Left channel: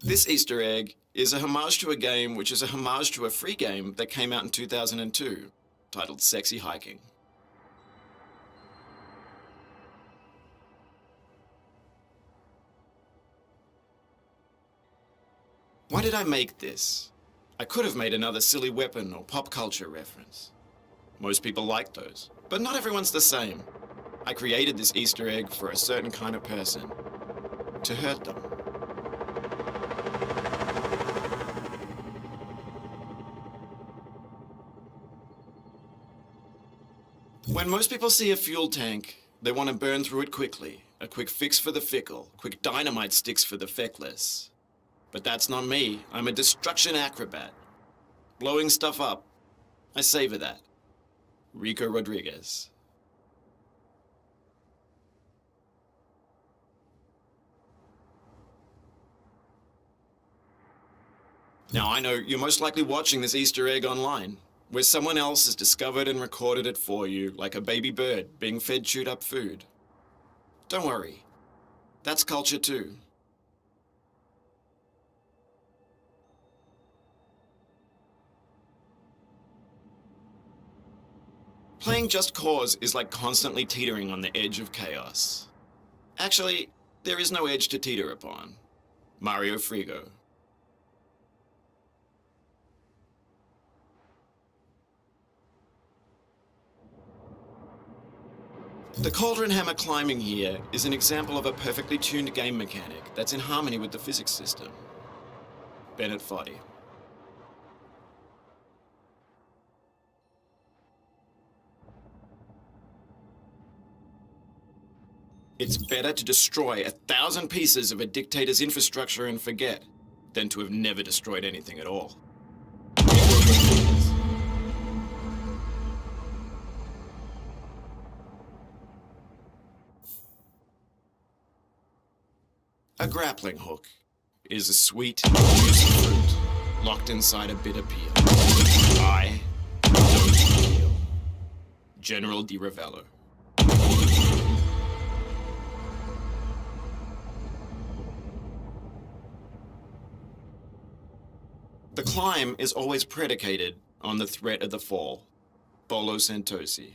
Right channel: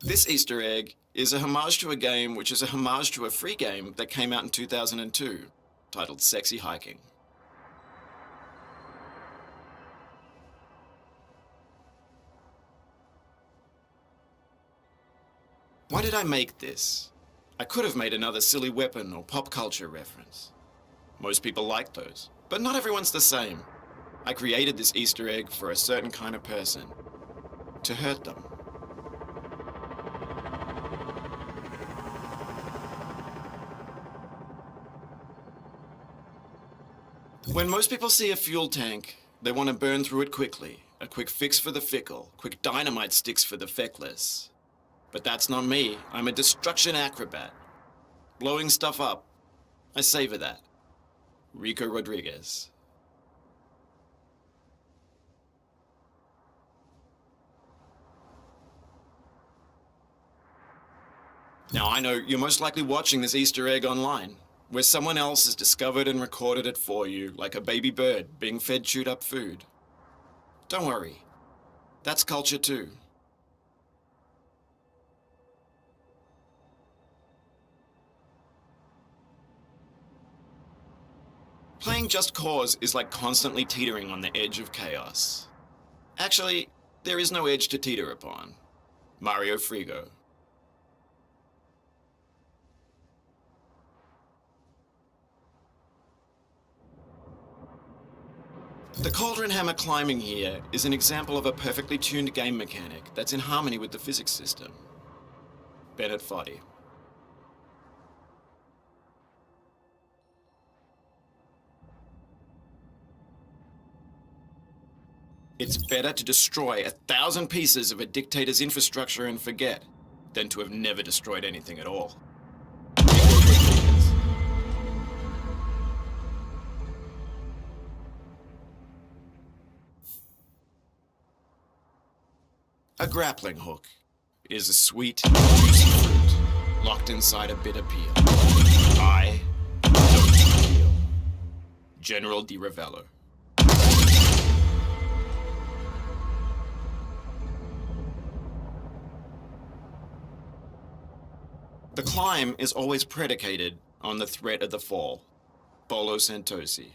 This Easter egg is a homage to a game which is a homage to a free game that came out in 2002, titled Sexy Hiking. Why did I make this? I could have made another silly weapon or pop culture reference. Most people like those, but not everyone's the same. I created this Easter egg for a certain kind of person. To hurt them. When most people see a fuel tank, they want to burn through it quickly. A quick fix for the fickle, quick dynamite sticks for the feckless. But that's not me. I'm a destruction acrobat. Blowing stuff up. I savor that. Rico Rodriguez. Now I know you're most likely watching this Easter egg online, where someone else has discovered and recorded it for you, like a baby bird being fed chewed up food. Don't worry. That's culture too. Playing Just Cause is like constantly teetering on the edge of chaos. Actually, there is no edge to teeter upon. Mario Frigo. The Cauldron hammer climbing here is an example of a perfectly tuned game mechanic that's in harmony with the physics system. Bennett Foddy. It's better to destroy 1,000 pieces of a dictator's infrastructure and forget than to have never destroyed anything at all. A grappling hook is a sweet, juicy fruit locked inside a bitter peel. I don't peel. General Di Ravello. The climb is always predicated on the threat of the fall. Bolo Santosi.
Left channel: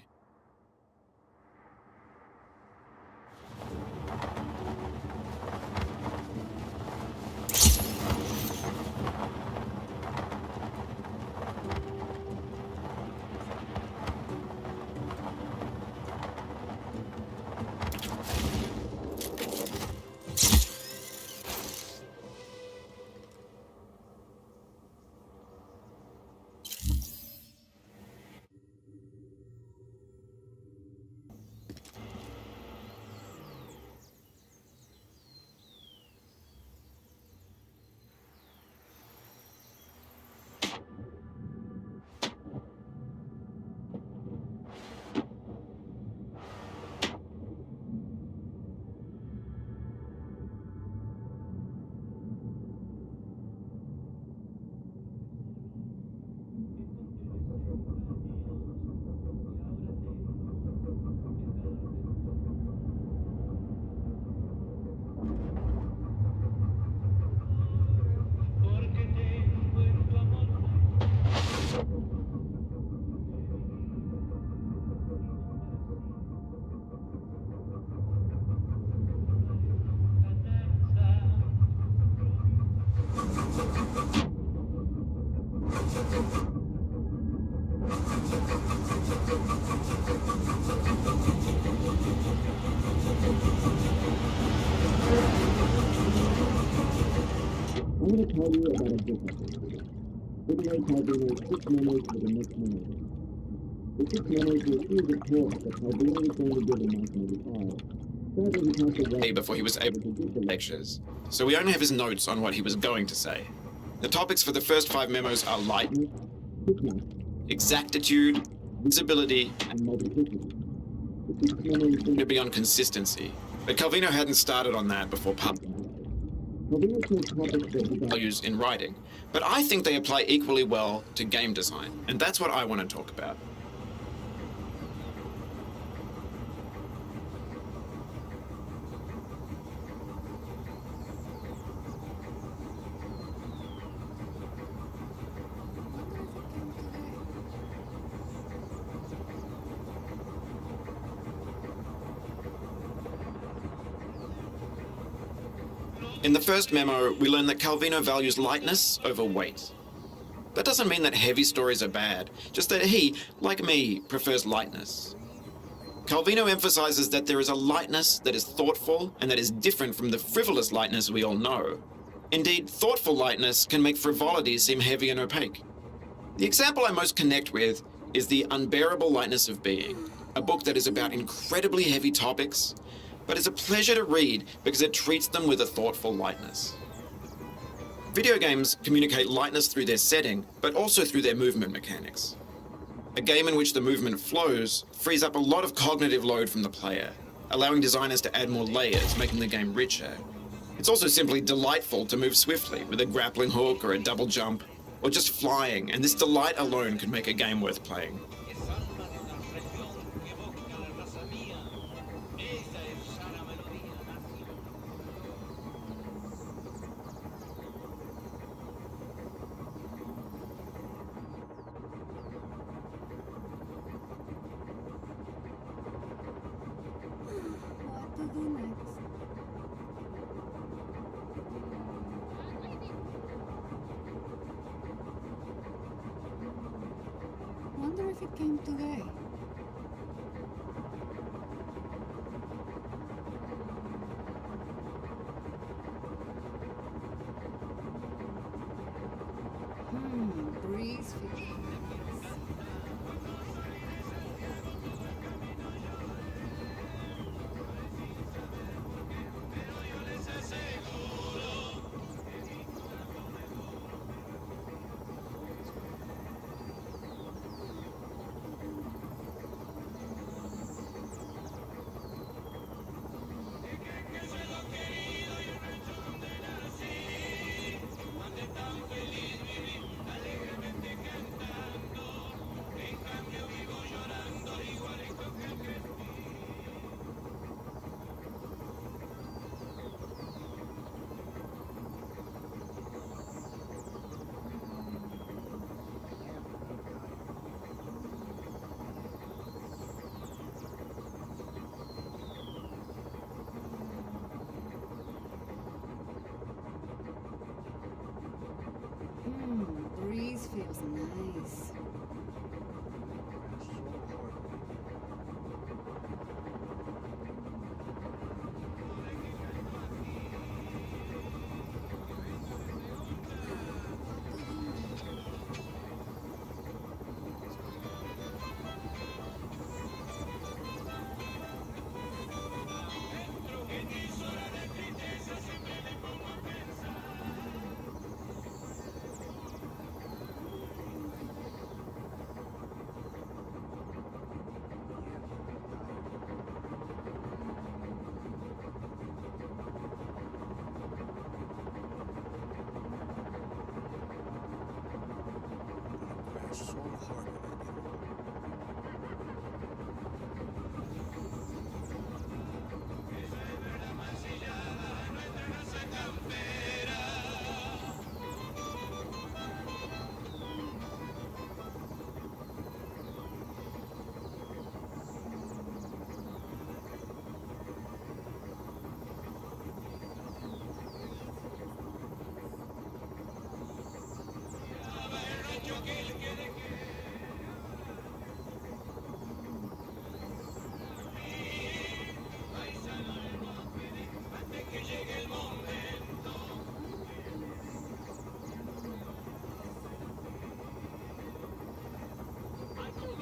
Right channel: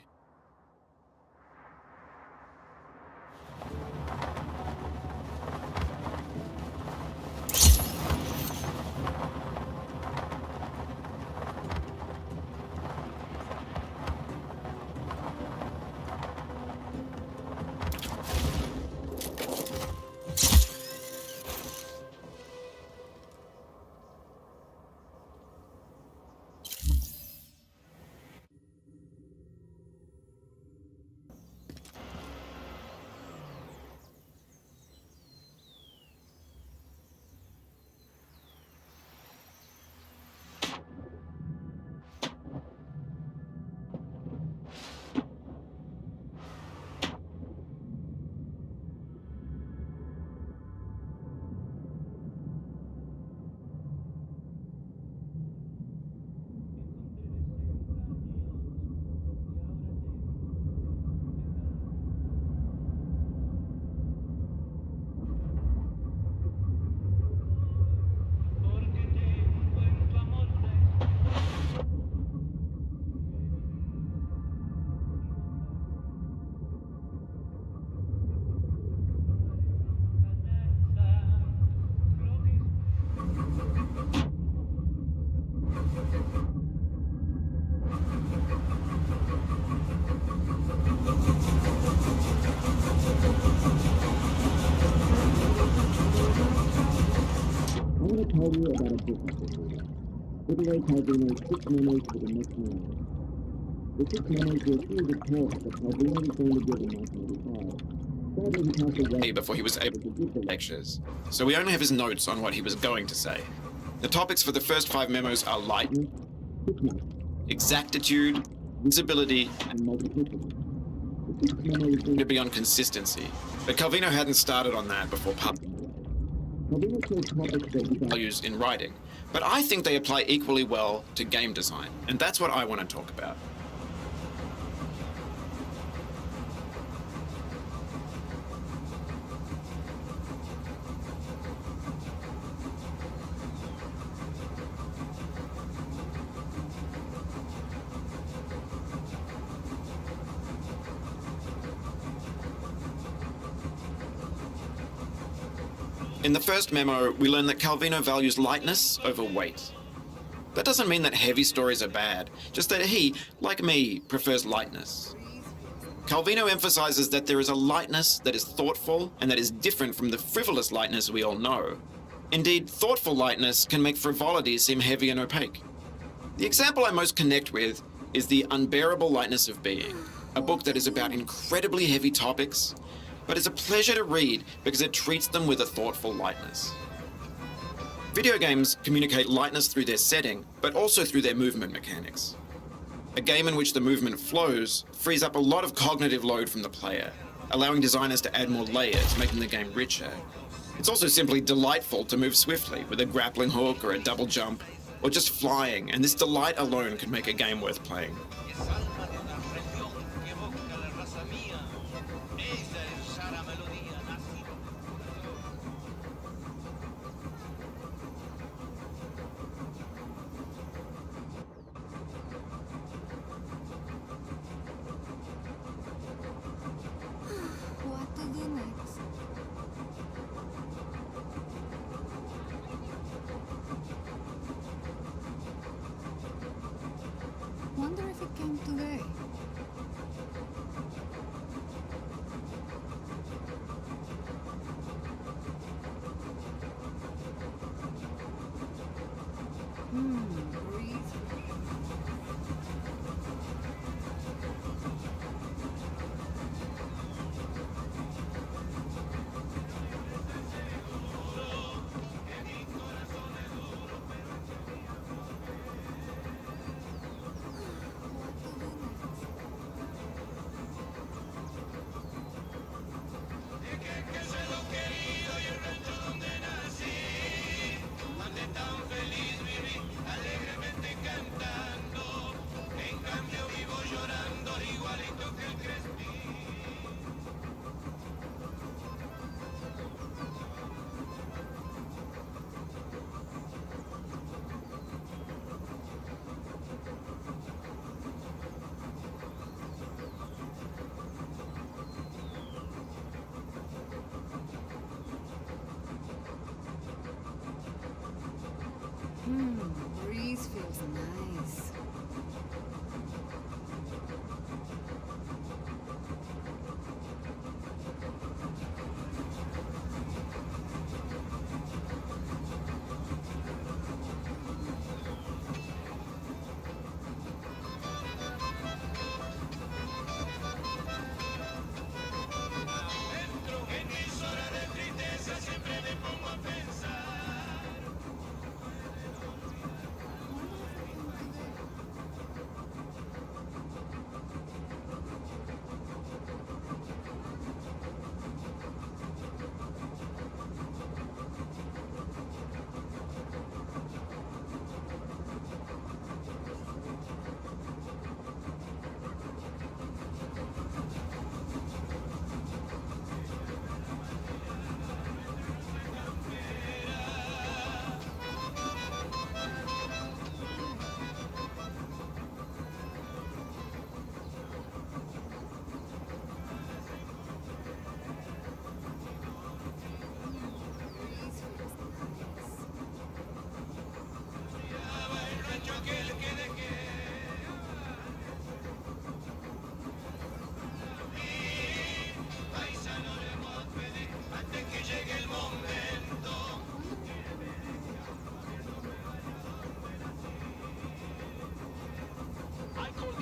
I want to tell you about a business idea. Giveaway Calvino's 6 memos for the next memo. The 6 memos were a series of talks that Calvino was going to give in 1985. Sadly, he passed away Before he was able to give the lectures, so we only have his notes on what he was going to say. The topics for the first 5 memos are lightness, exactitude, visibility, and multiplicity. The 6 memos to be on consistency. But Calvino hadn't started on that before Calvino chose topics that he values in writing, but I think they apply equally well to game design, and that's what I want to talk about. In the first memo, we learn that Calvino values lightness over weight. That doesn't mean that heavy stories are bad, just that he, like me, prefers lightness. Calvino emphasizes that there is a lightness that is thoughtful and that is different from the frivolous lightness we all know. Indeed, thoughtful lightness can make frivolity seem heavy and opaque. The example I most connect with is The Unbearable Lightness of Being, a book that is about incredibly heavy topics, but is a pleasure to read because it treats them with a thoughtful lightness. Video games communicate lightness through their setting, but also through their movement mechanics. A game in which the movement flows frees up a lot of cognitive load from the player, allowing designers to add more layers, making the game richer. It's also simply delightful to move swiftly with a grappling hook or a double jump, or just flying, and this delight alone can make a game worth playing. What to do next? Wonder if it came today. Breeze. Breeze feels nice.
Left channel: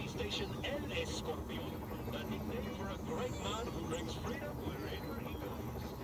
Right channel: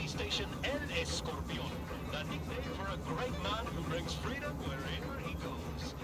Station El Escorpión, the nickname for a great man who brings freedom wherever he goes.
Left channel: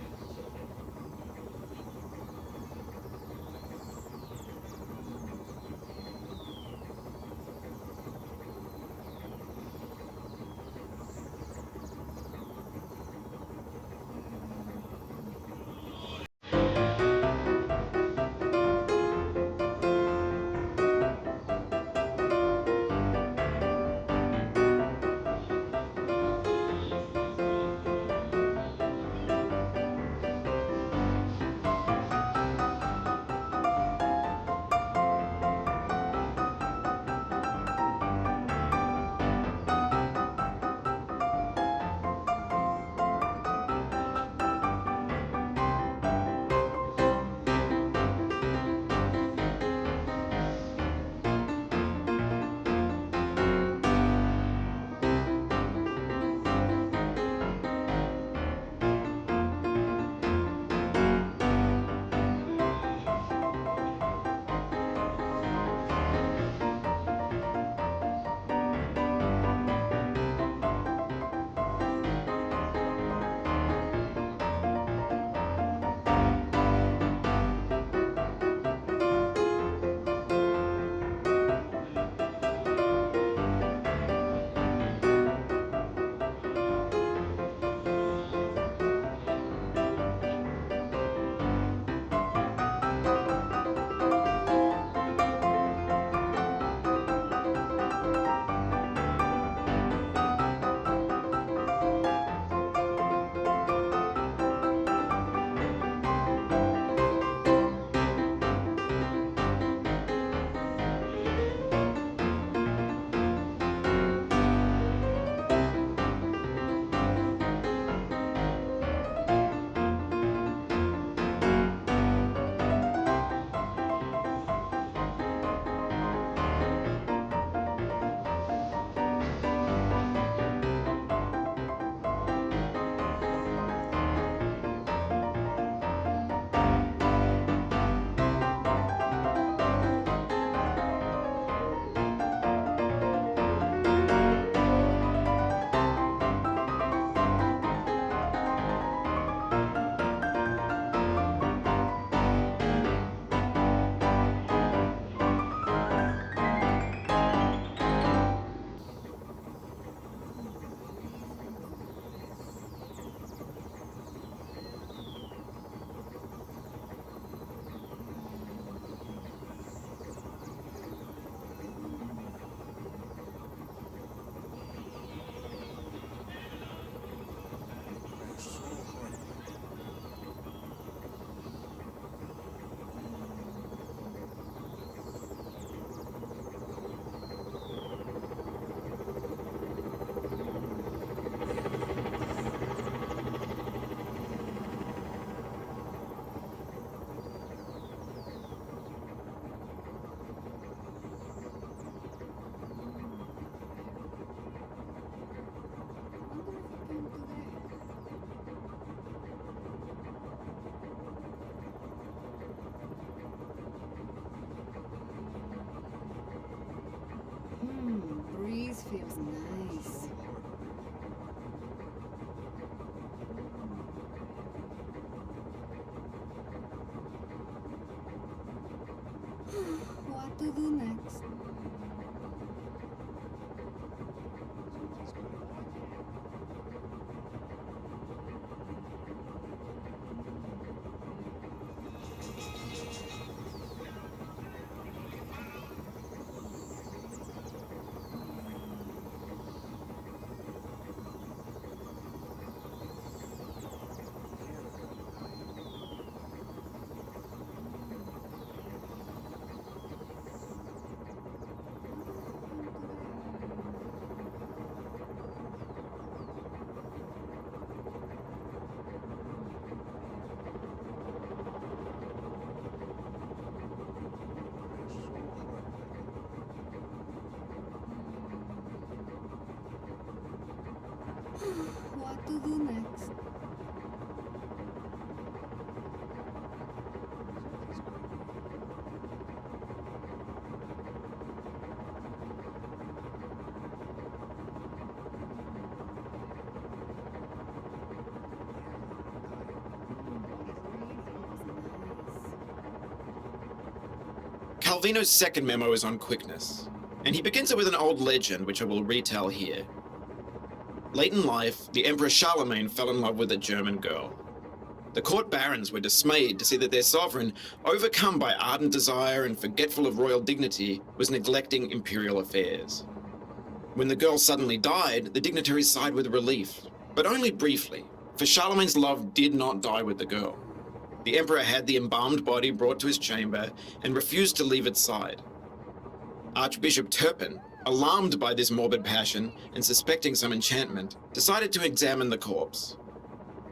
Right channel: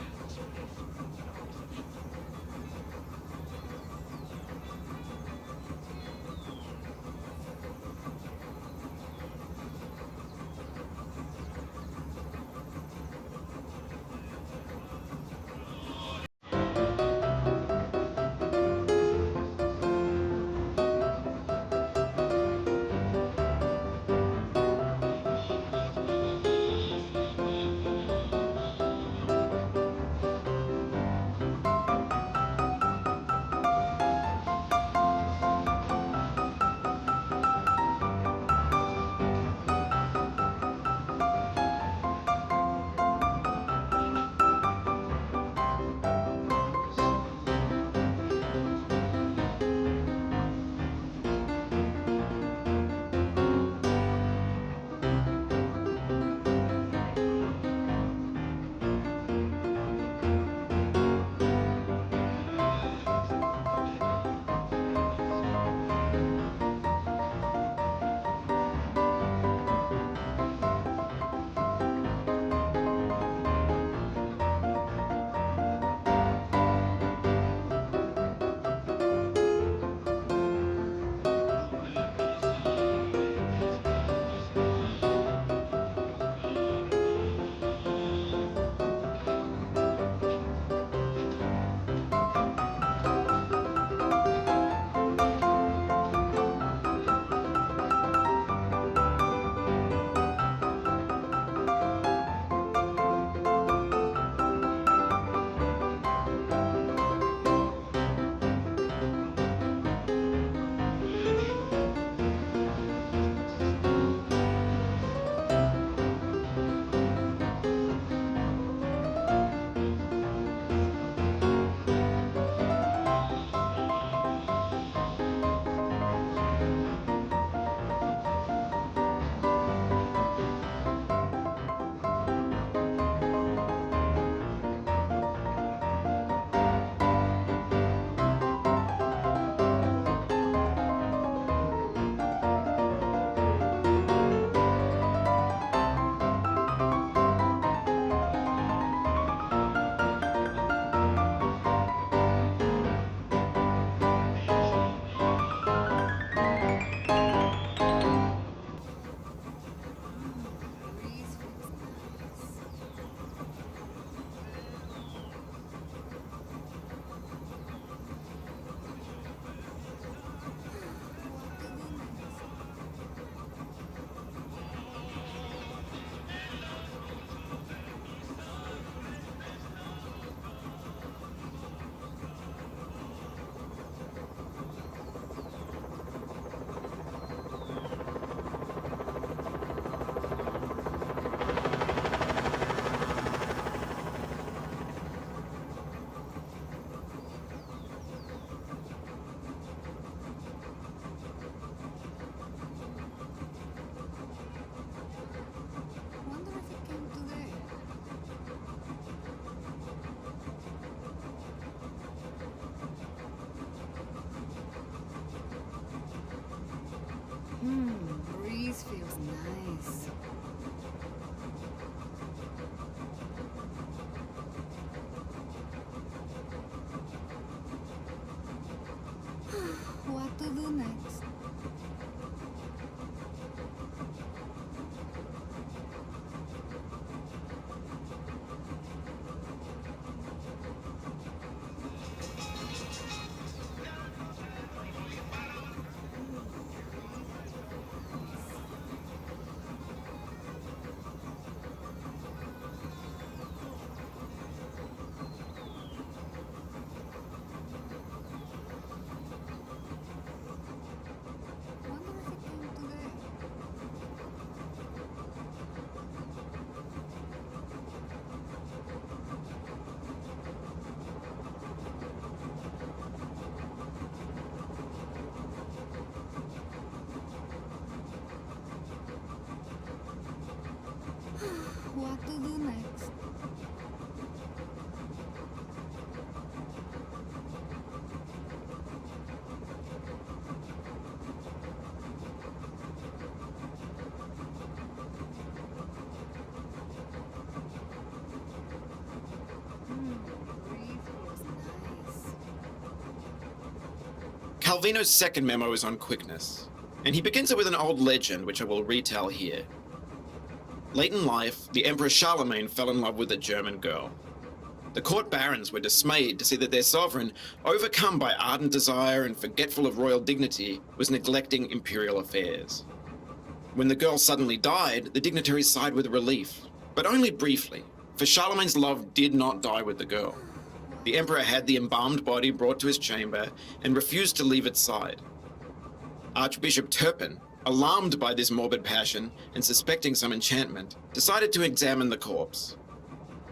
breeze feels nice. What to do next? Wonder if it came today. What to do next? Breeze feels nice. Calvino's second memo is on quickness, and he begins it with an old legend which I will retell here. Late in life, the Emperor Charlemagne fell in love with a German girl. The court barons were dismayed to see that their sovereign, overcome by ardent desire and forgetful of royal dignity, was neglecting imperial affairs. When the girl suddenly died, the dignitaries sighed with relief, but only briefly, for Charlemagne's love did not die with the girl. The emperor had the embalmed body brought to his chamber and refused to leave its side. Archbishop Turpin, alarmed by this morbid passion and suspecting some enchantment, decided to examine the corpse.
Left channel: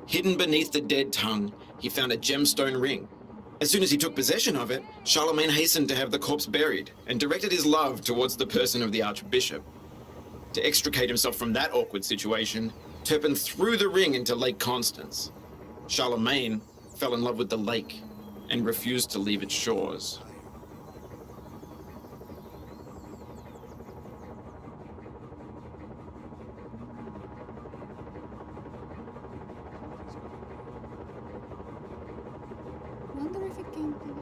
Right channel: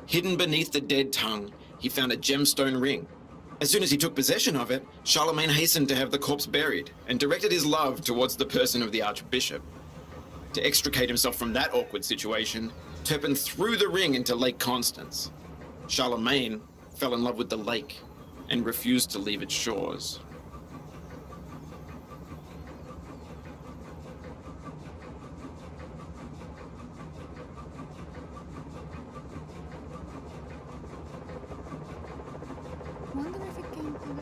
Hidden beneath the dead tongue, he found a gemstone ring. As soon as he took possession of it, Charlemagne hastened to have the corpse buried and directed his love towards the person of the archbishop. To extricate himself from that awkward situation, Turpin threw the ring into Lake Constance. Charlemagne fell in love with the lake and refused to leave its shores. Wonder if it came today.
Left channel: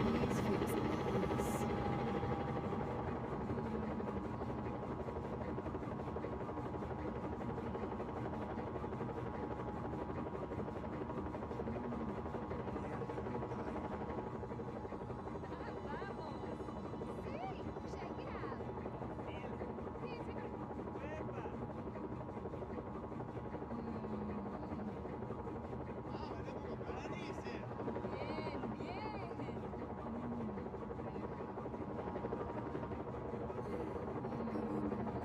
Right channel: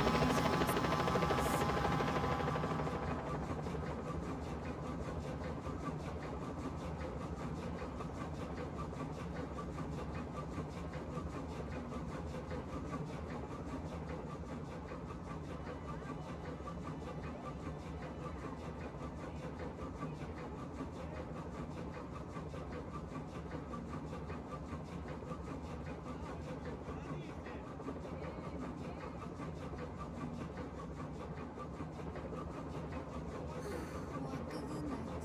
Breeze feels nice. What to do next?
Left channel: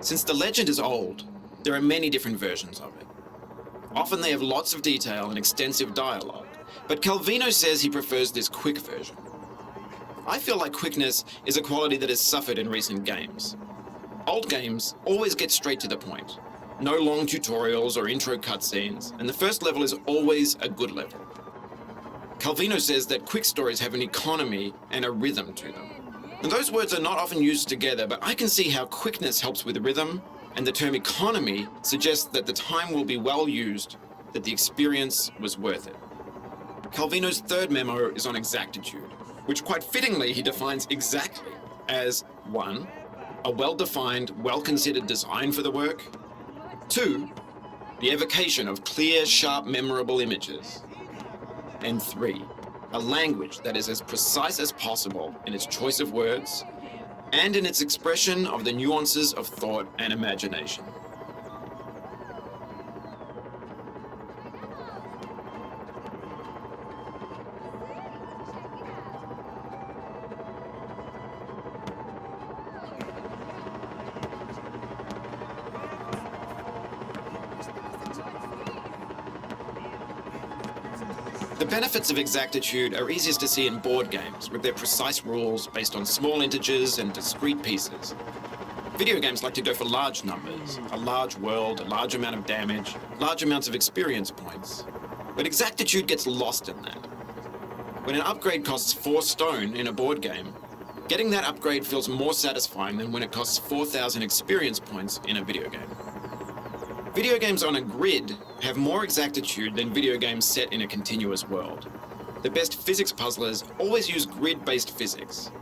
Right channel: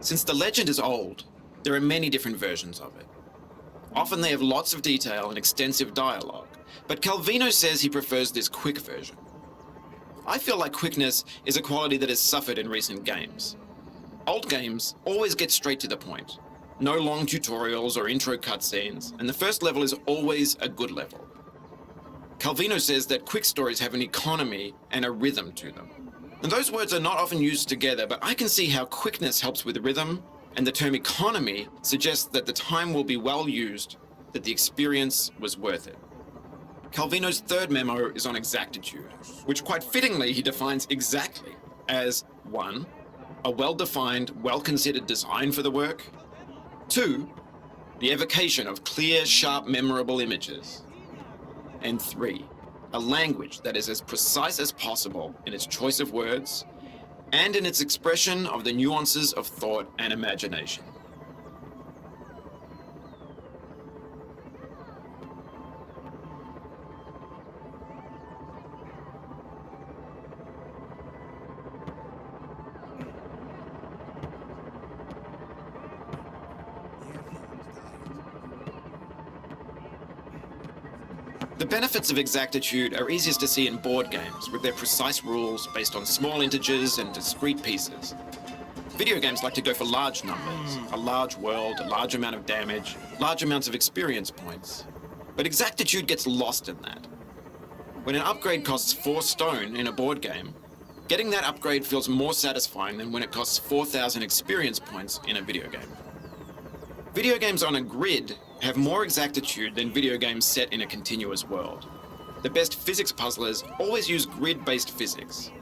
Since the legend is old, there are many different versions of it. Often they have lots of detail and extensive dialogue, but Calvino says he prefers this quick version. I feel like quickness is a quality that has suffered in recent games. Old games always get straight to the point. No long tutorials or intro cutscenes, and the first level is always a good level. Calvino says that quick stories have an economy and a rhythm to them. And those words are not often used together, but I can see how quickness helps with rhythm And the term economy suggests that the time will be well used, that the experience was worth it. Calvino's third memo is on exactitude, which quite fittingly he defines exactly as 1. A well-defined, well-considered design for the work. 2. The evocation of clear, sharp, memorable images. And 3. A language that is as precise as possible in its choice of words and in its expression of the nuances of thought and imagination. The benefits of exactitude are easiest to see in board games, with their precise rules based on small integers and discrete pieces. Video games like to go for large numbers, a large world, a large amount of damage, large amounts of experience points. But exactitude gets lost in that. When an upgrade costs 4 stone in a board game, getting that upgrade feels more satisfying than when it costs 4,000 experience points in a video game. Video games on a grid have more exactitude than video games set in a continuous world. The best physics puzzlers always use grid-based physics.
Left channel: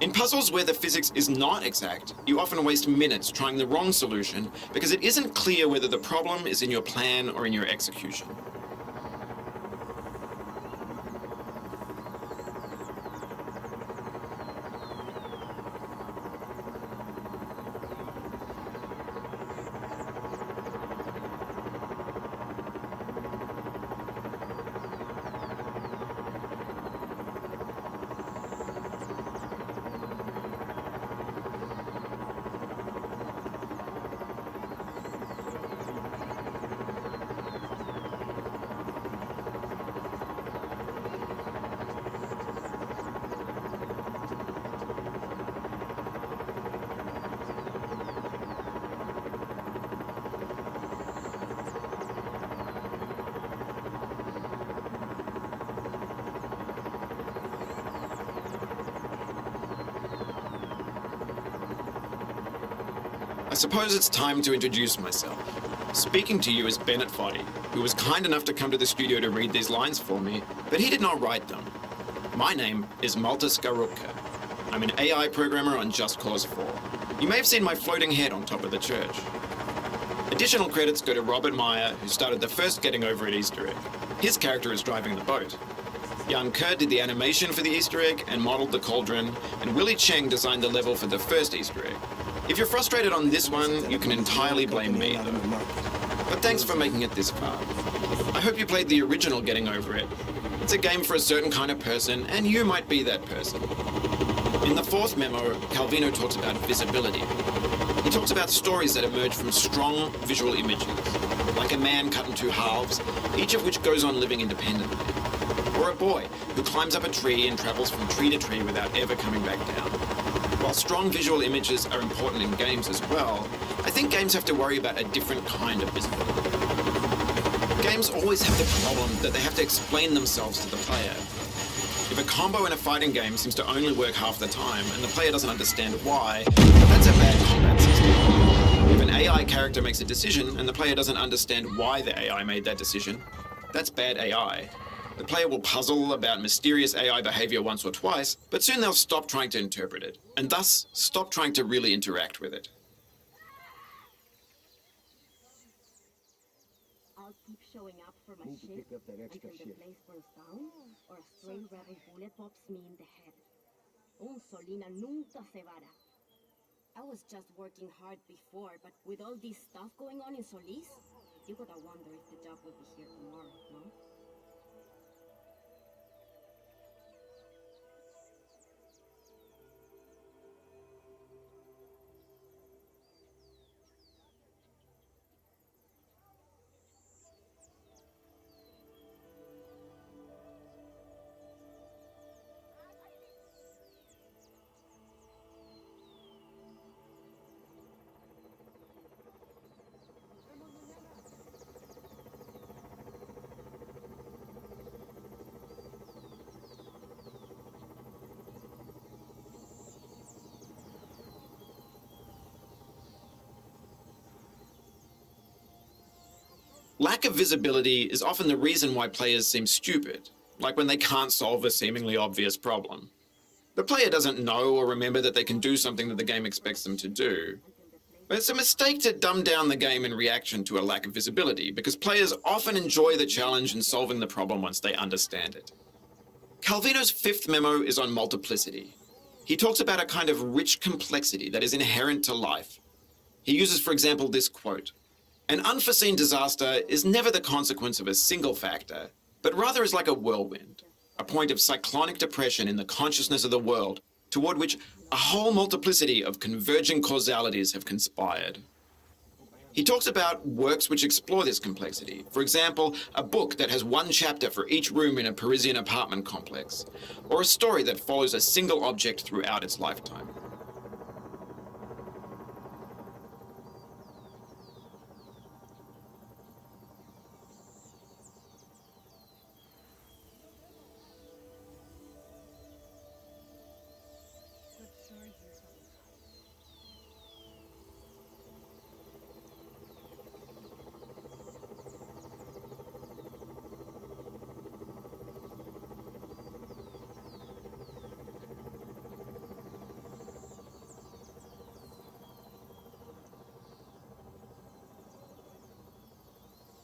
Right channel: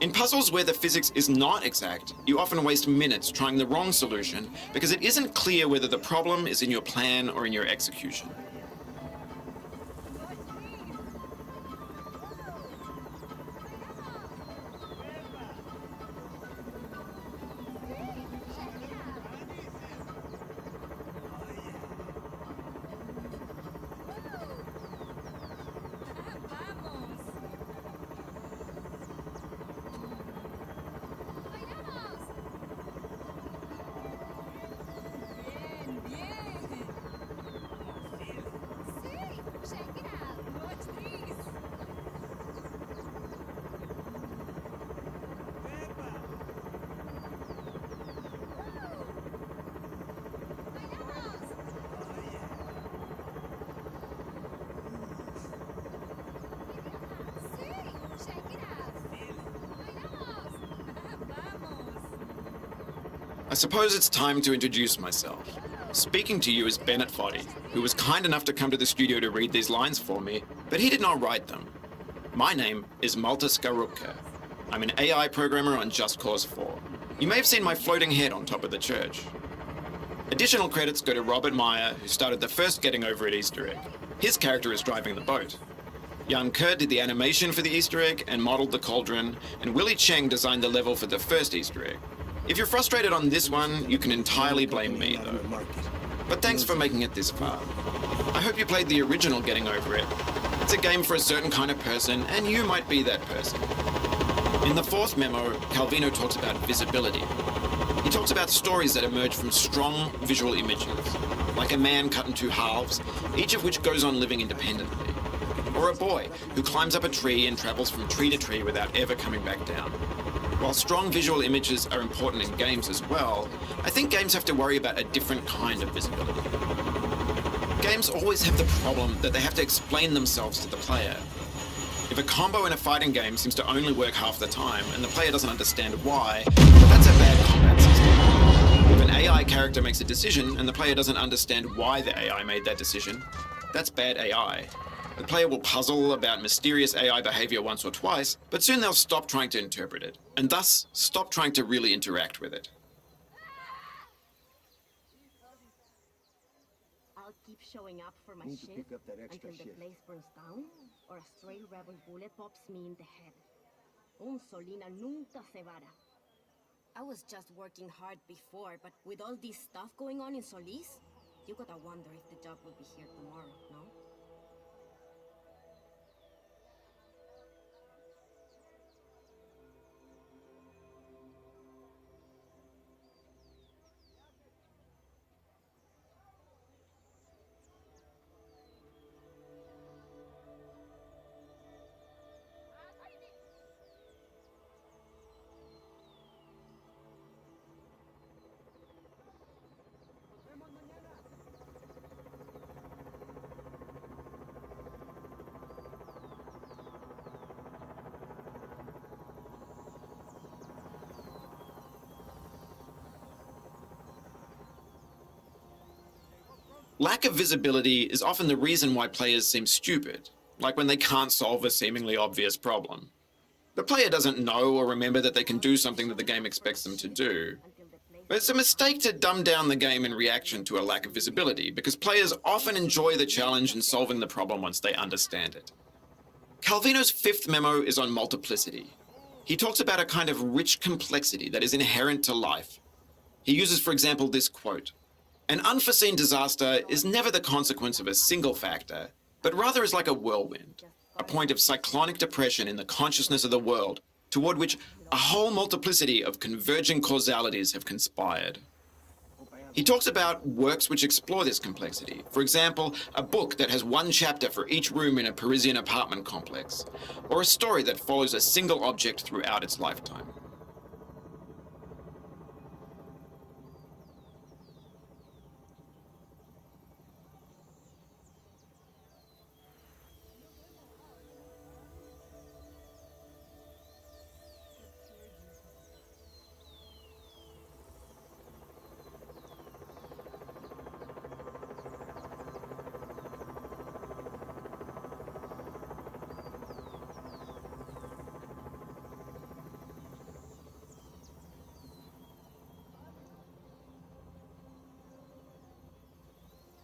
In puzzles where the physics is not exact, you often waste minutes trying the wrong solution because it isn't clear whether the problem is in your plan or in your execution. I suppose it's time to introduce myself. Speaking to you is Bennett Foddy, who was kind enough to come to the studio to read these lines for me, but he did not write them. My name is Malta Skarupka. I'm an AI programmer on Just Cause 4. You may have seen my floating head on top of the church. Additional credits go to Robert Meyer, who started the first Getting Over It Easter egg. His character is driving the boat. Jan Kerr did the animation for the Easter egg and modeled the Cauldron, and Willie Cheng designed the level for the first Easter egg. If you're frustrated on this one, you can entirely blame me, though. But thanks for making it this far. I hope you played the original Getting Over It. It's a game for a certain kind of person, and you might be that person. In the fourth memo, Calvino talks about visibility. He talks about stories that emerge from strong visual images, like a man cut in 2 halves, each of which goes on living independently. Or a boy who climbs up a tree and travels from tree to tree without ever coming back down. While strong visual images are important in games as well, I think games have to worry about a different kind of visibility. Games always have the problem that they have to explain themselves to the player. If a combo in a fighting game seems to only work half the time and the player doesn't understand why, that's a bad combat system. If an AI character makes a decision and the player doesn't understand why the AI made that decision, that's bad AI. The player will puzzle about mysterious AI behavior once or twice, but soon they'll stop trying to interpret it, and thus stop trying to really interact with it. I'll keep showing up for my Need to shift pick up that extra until the shift. place burns down or a stray rebel bullet pops me in the head. Un Solina nunca se vara. I was just working hard before, but with all this stuff going on in Solis, you gotta wonder if the job will be here tomorrow, no? Lack of visibility is often the reason why players seem stupid, like when they can't solve a seemingly obvious problem. The player doesn't know or remember that they can do something that the game expects them to do. But it's a mistake to dumb down the game in reaction to a lack of visibility, because players often enjoy the challenge in solving the problem once they understand it. Calvino's fifth memo is on multiplicity. He talks about a kind of rich complexity that is inherent to life. He uses, for example, this quote: "An unforeseen disaster is never the consequence of a single factor, but rather is like a whirlwind, a point of cyclonic depression in the consciousness of the world, toward which a whole multiplicity of converging causalities have conspired." He talks about works which explore this complexity. For example, a book that has one chapter for each room in a Parisian apartment complex, or a story that follows a single object throughout its lifetime.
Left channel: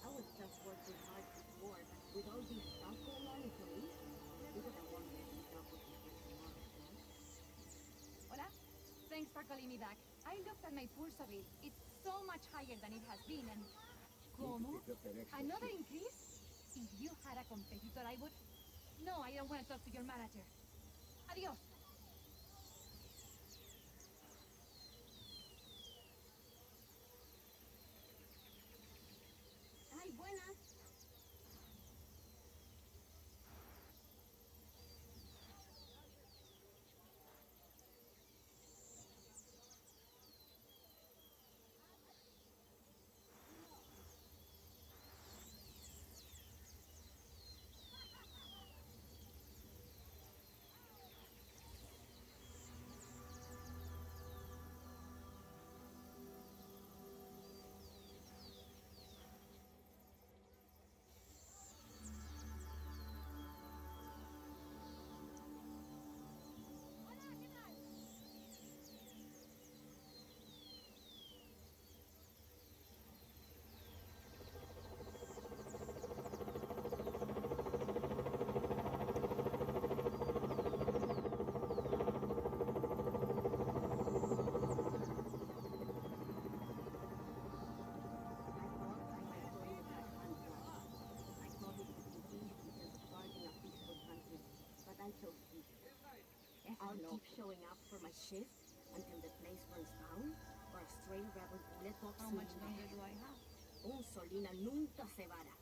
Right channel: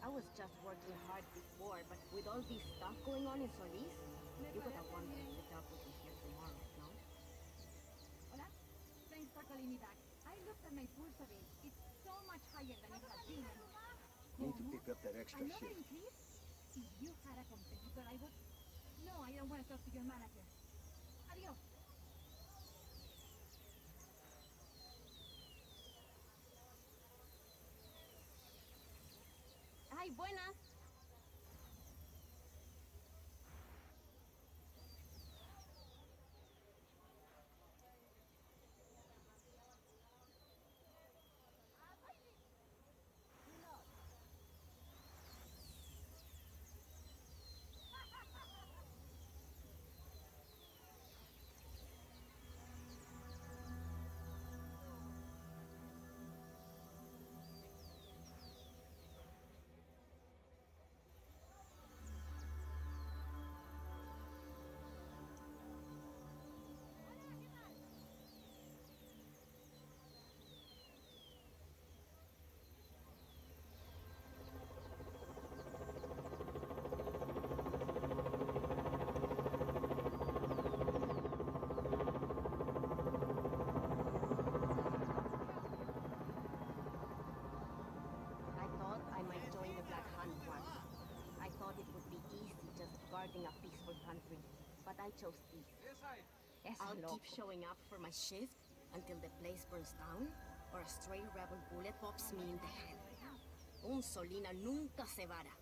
I was just working hard before, but with all this stuff going on in Solis, you would have wondered if the dog would be here tomorrow, no? Hola. Thanks for calling me back. I looked at my pulse of it. It's so much higher than it has been, and... ¿Cómo? Another increase? If you had a competitor, I would... No, I don't want to talk to your manager. Adios. Ay, buenas. I'll keep showing up for my shift until the place burns down, or a stray rebel bullet pops me in the head. Un Solina nunca se vara.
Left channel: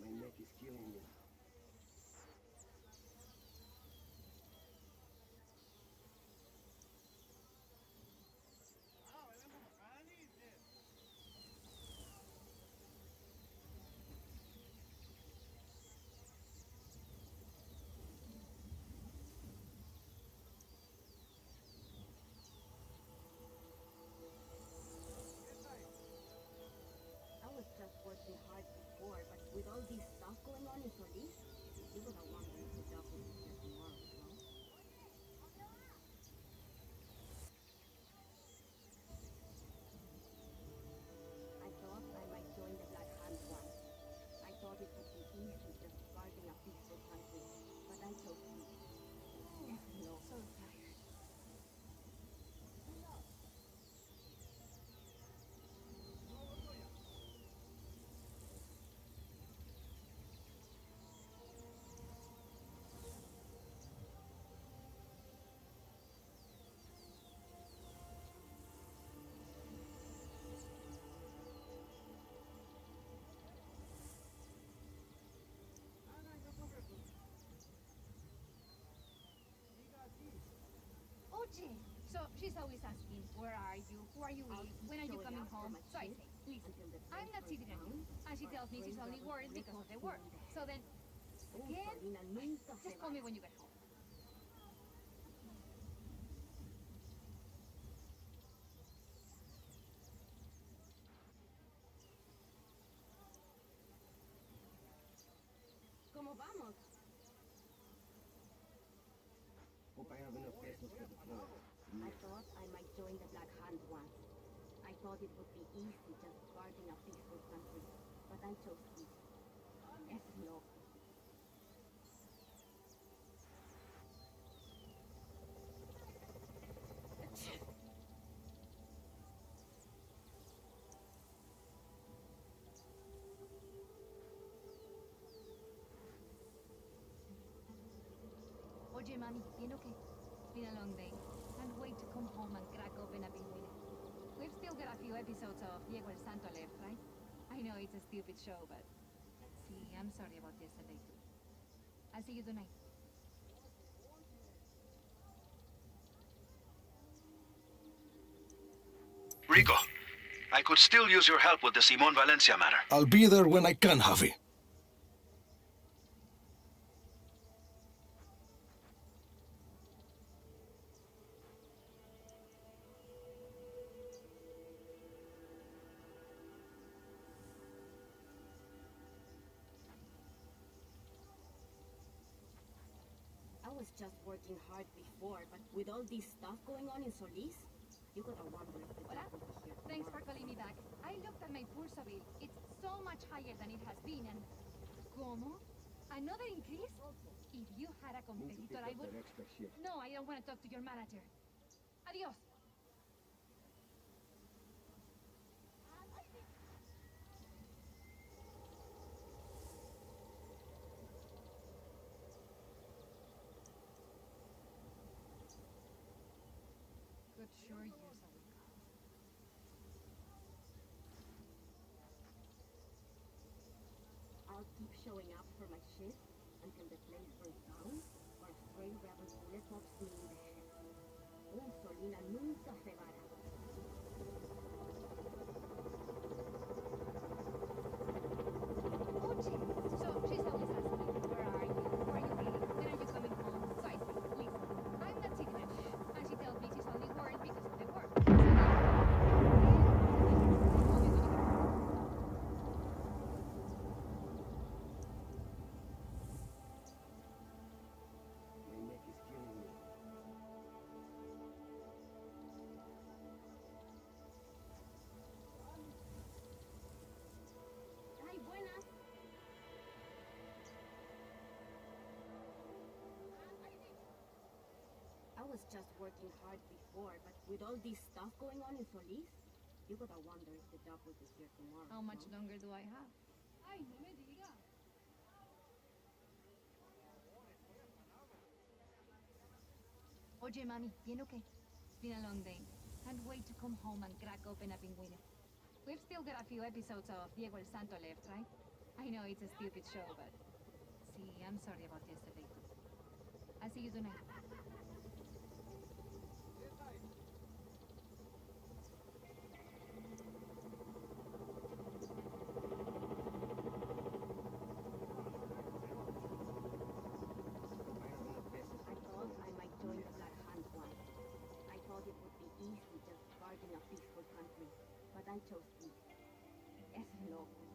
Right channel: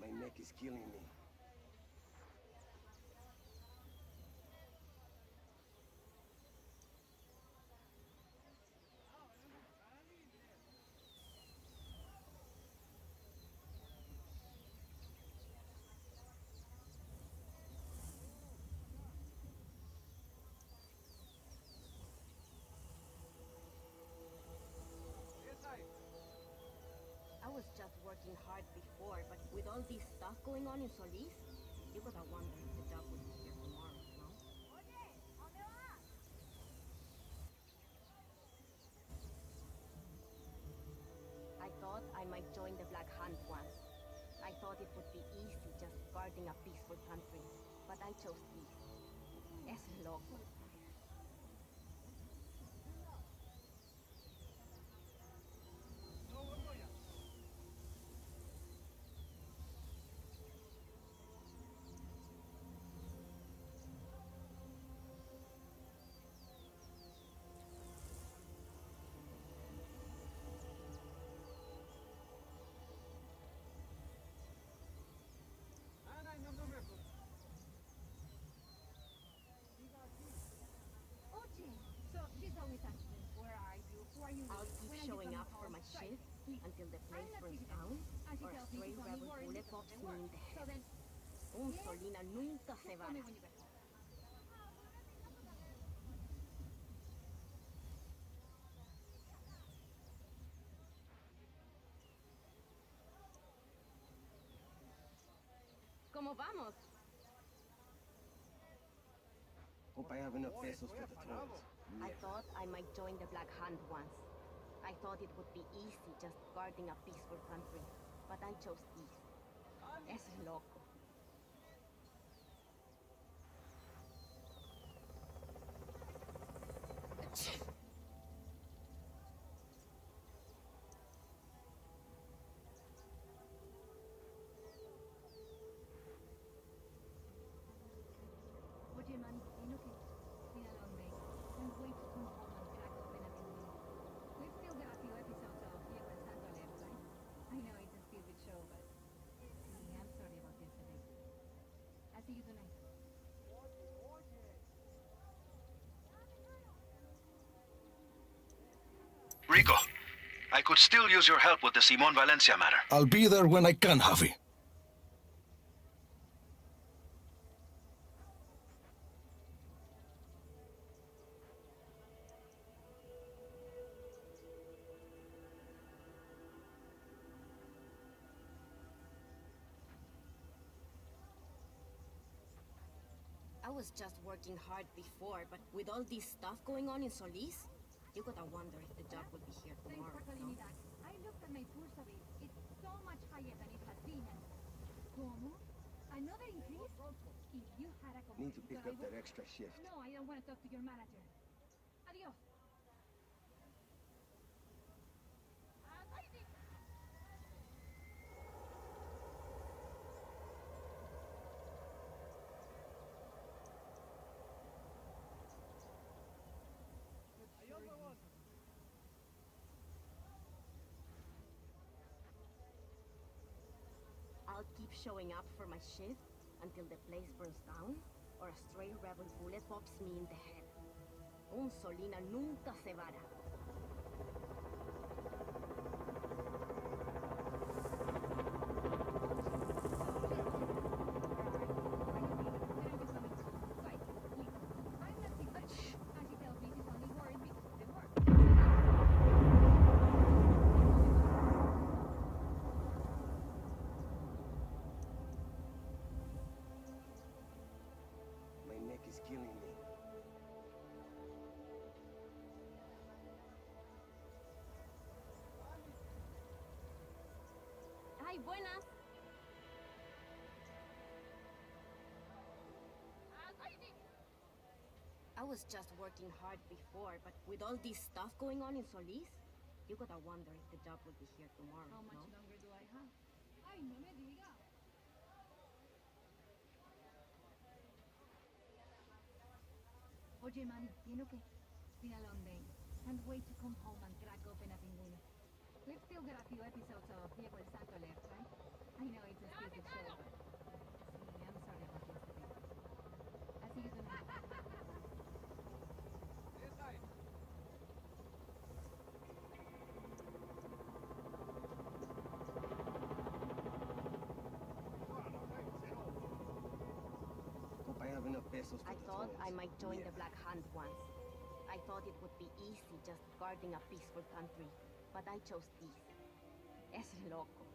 My neck is killing me. I was just working hard before, but with all this stuff going on in Solis, you would have wondered if the dog would be here tomorrow, no? I thought I might join the Black Hand once. I thought it would be easy just guarding a peaceful country, but I chose peace. Es loco. you. Who are you I'll with? keep When are you showing coming up for home? my So I shit say, listen, until the I'm place not burns TV down and she or a tells me stray she's only rebel worried bullet because of pops the me work. in the So head. then, Un yeah, Solina nunca se just va. call me when you get home. ¿Cómo vamos? Hope I have enough pesos for the tolls. I thought I might join the Black Hand once. I thought it would be easy just guarding a peaceful country. But I chose peace. Es loco. Oye, mami, ¿bien okay? It's been a long day. Can't wait to come home and crack open a pingüino. We've still got a few episodes of Diego el Santo left, right? I know it's a stupid show, but... See, I'm sorry about yesterday. I'll see you tonight. Rico, I could still use your help with the Simon Valencia matter. I'll be there when I can, Javi. I was just working hard before, but with all this stuff going on in Solis, you gotta wonder if the job will be here Thanks tomorrow. for calling me back. I looked at my pulso bill. It's so much higher than it has been, and... ¿Cómo? Another increase? If you had a Need to pick competitor, I up would... that extra shift. No, I don't want to talk to your manager. Adios. Good sure use of it. I'll keep showing up for my shift until the place burns down or a stray rebel bullet pops me in the head. Un Solina nunca se vara. My neck is killing me. Ay, buenas. I was just working hard before, but with all this stuff going on in Solis, you gotta wonder if the job will be here tomorrow. How much no? longer do I have? Ay, no me diga. Oye, mami, ¿bien o qué? It's been a long day. Can't wait to come home and crack open a pingüino. We've still got a few episodes of Diego el Santo left, right? I know it's a stupid show, but... See, I'm sorry about yesterday. I'll see you tonight. Hope I have enough pesos for I the thought tolls. I might join the Black Hand once. I thought it would be easy just guarding a peaceful country. But I chose peace. Es loco.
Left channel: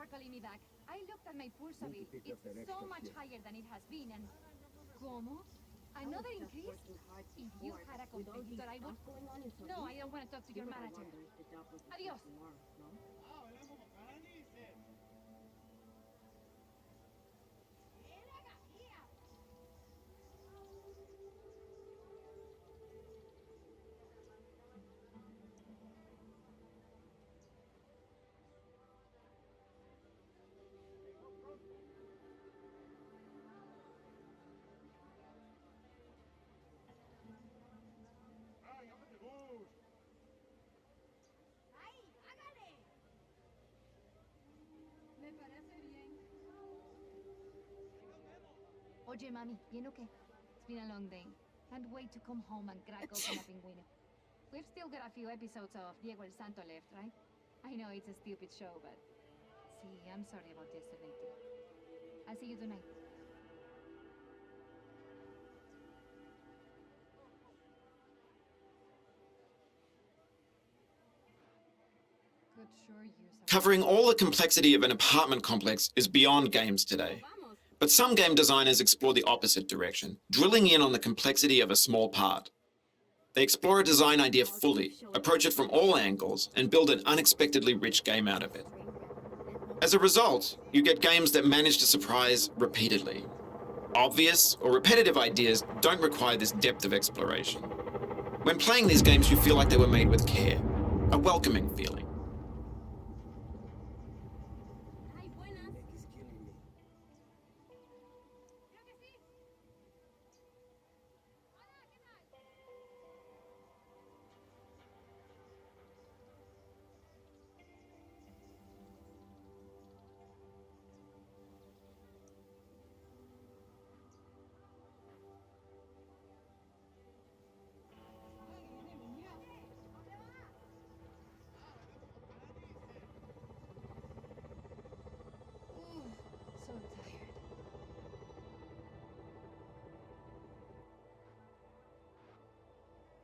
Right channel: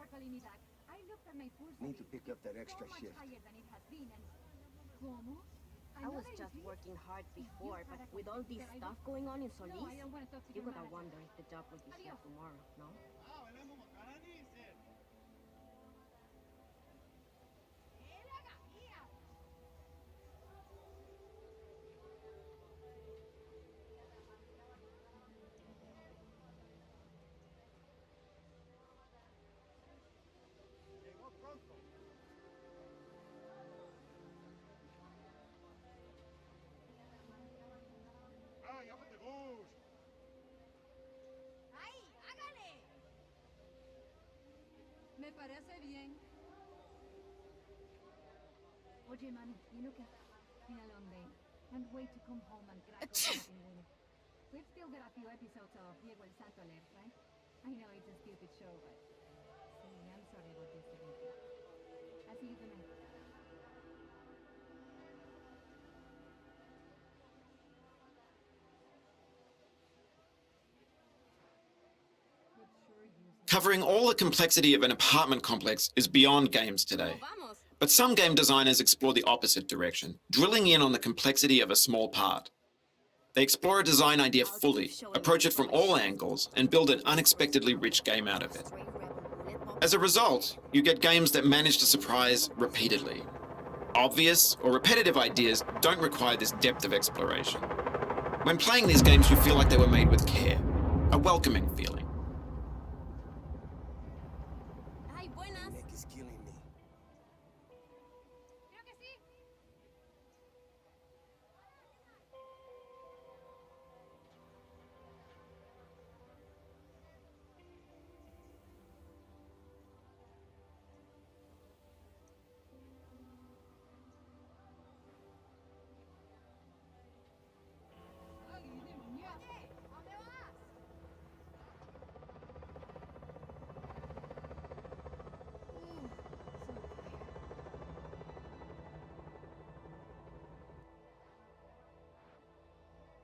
for calling me back. I looked at my pulse Need to rate. pick up that It's extra so much shit. higher than it has been, and... ¿Cómo? I was Another just increase? working hard If you before, had a but with all this competitor, I stuff would... going on in Solis, No, I don't want to talk to you your gotta manager. wonder if the job will be here Adios. tomorrow, no? Me parece bien. Oye, mami, ¿bien o qué? It's been a long day. Can't wait to come home and crack open a pingüino. We've still got a few episodes of Diego el Santo left, right? I know it's a stupid show, but... See, I'm sorry about yesterday, too. I'll see you tonight. Could sure use a... Covering all the complexity of an apartment complex is beyond games today. Vamos! But some game designers explore the opposite direction, drilling in on the complexity of a small part. They explore a design idea fully, approach it from all angles, and build an unexpectedly rich game out of it. As a result, you get games that manage to surprise repeatedly. Obvious or repetitive ideas don't require this depth of exploration. When playing these games, you feel like they were made with care, a welcoming feeling. Ay, buenas! Neck is killing me. Creo que sí. So tired.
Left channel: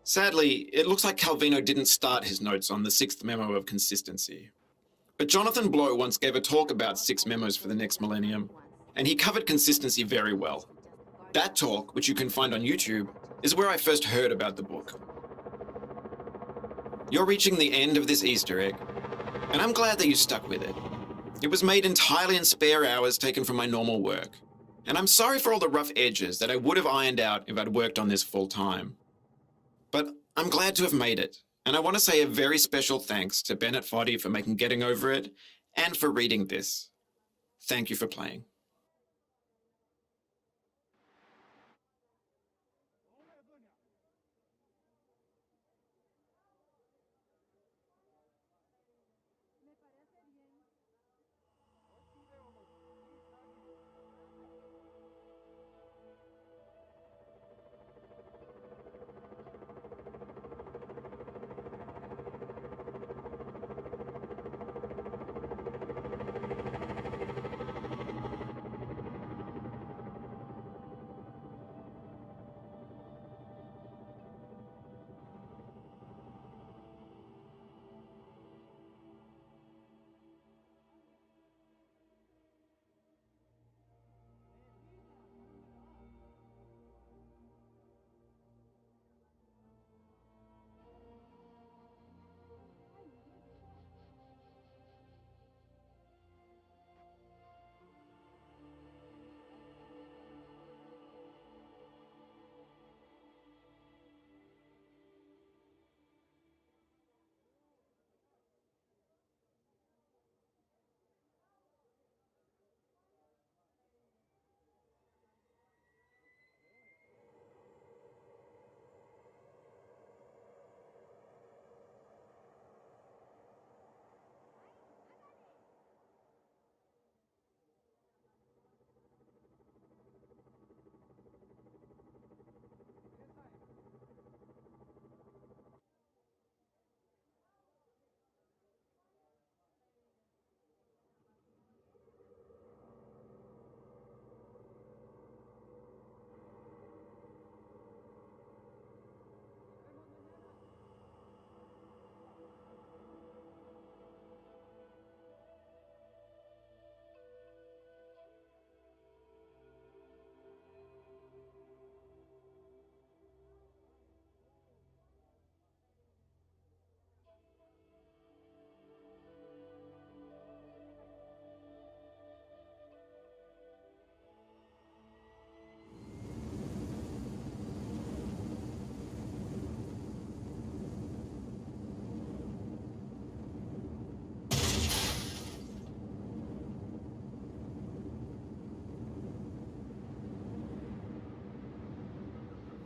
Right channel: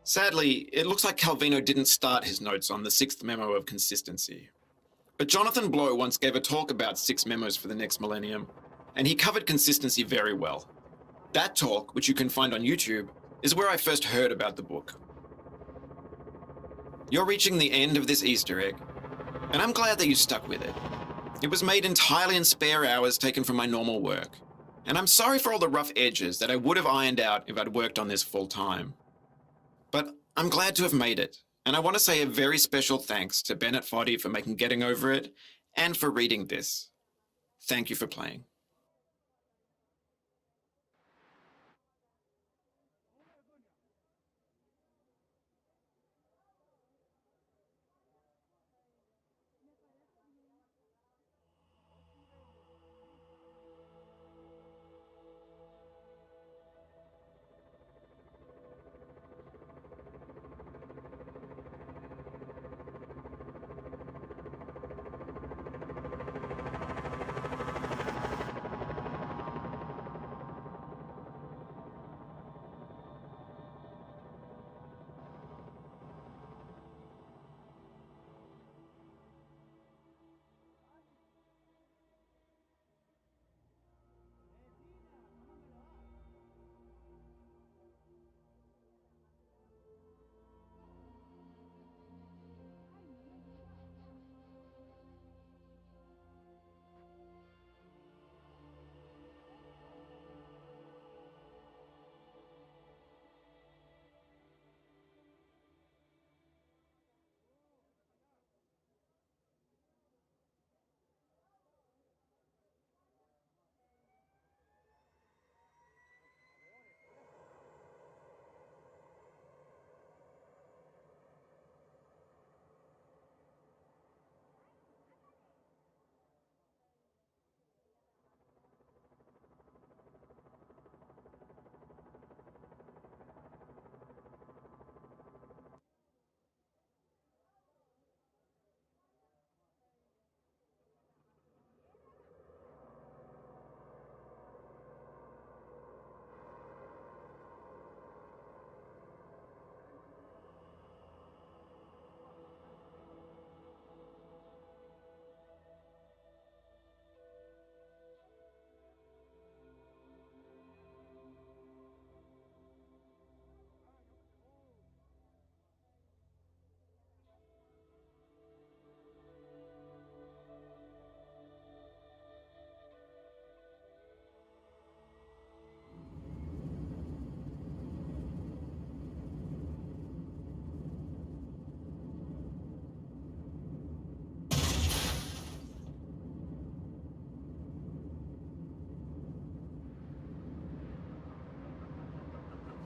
Sadly, it looks like Calvino didn't start his notes on the sixth memo of consistency. But Jonathan Blow once gave a talk about 6 memos for the next millennium, and he covered consistency very well. That talk, which you can find on YouTube, is where I first heard about the book. You're reaching the end of this Easter egg, and I'm glad that you stuck with it. It was made entirely in spare hours taken from my normal work, and I'm sorry for all the rough edges that I would have ironed out if I'd worked on this full time. But I'm glad to have made it, and I want to say a very special thanks to Bennett Foddy for making Getting Over It, and for reading this. Thank you for playing.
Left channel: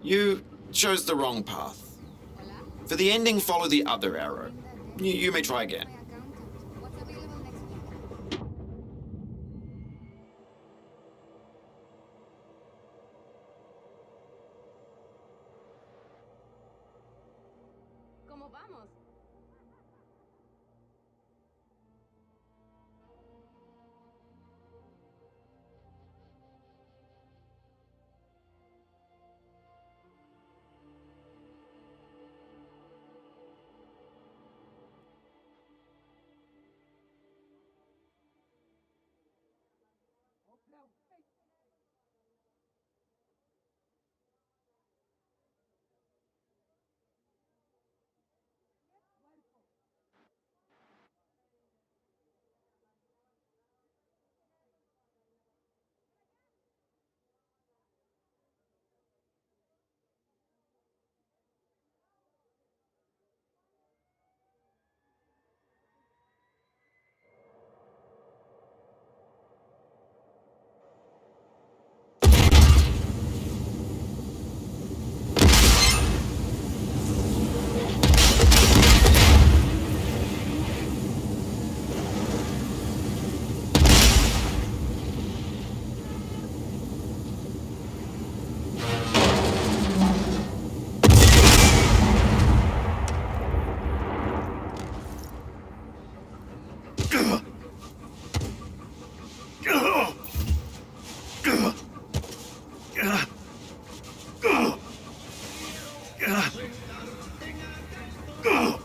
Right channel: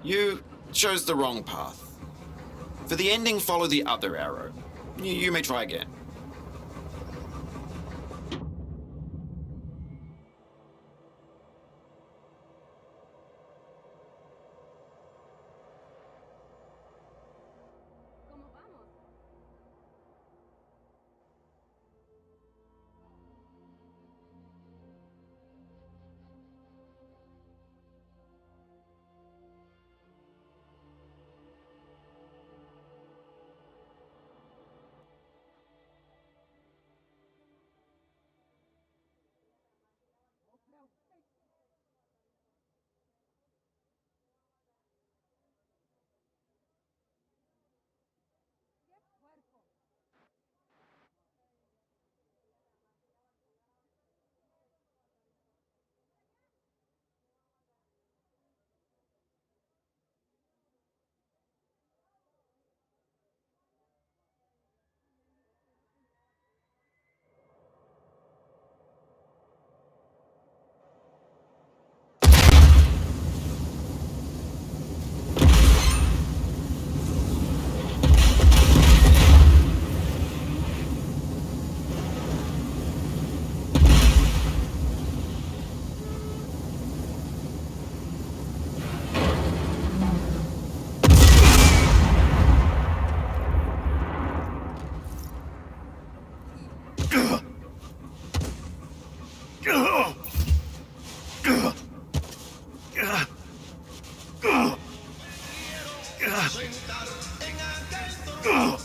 You chose the wrong path. For the ending, follow the other arrow. You may try again. ¿Cómo vamos? Ugh!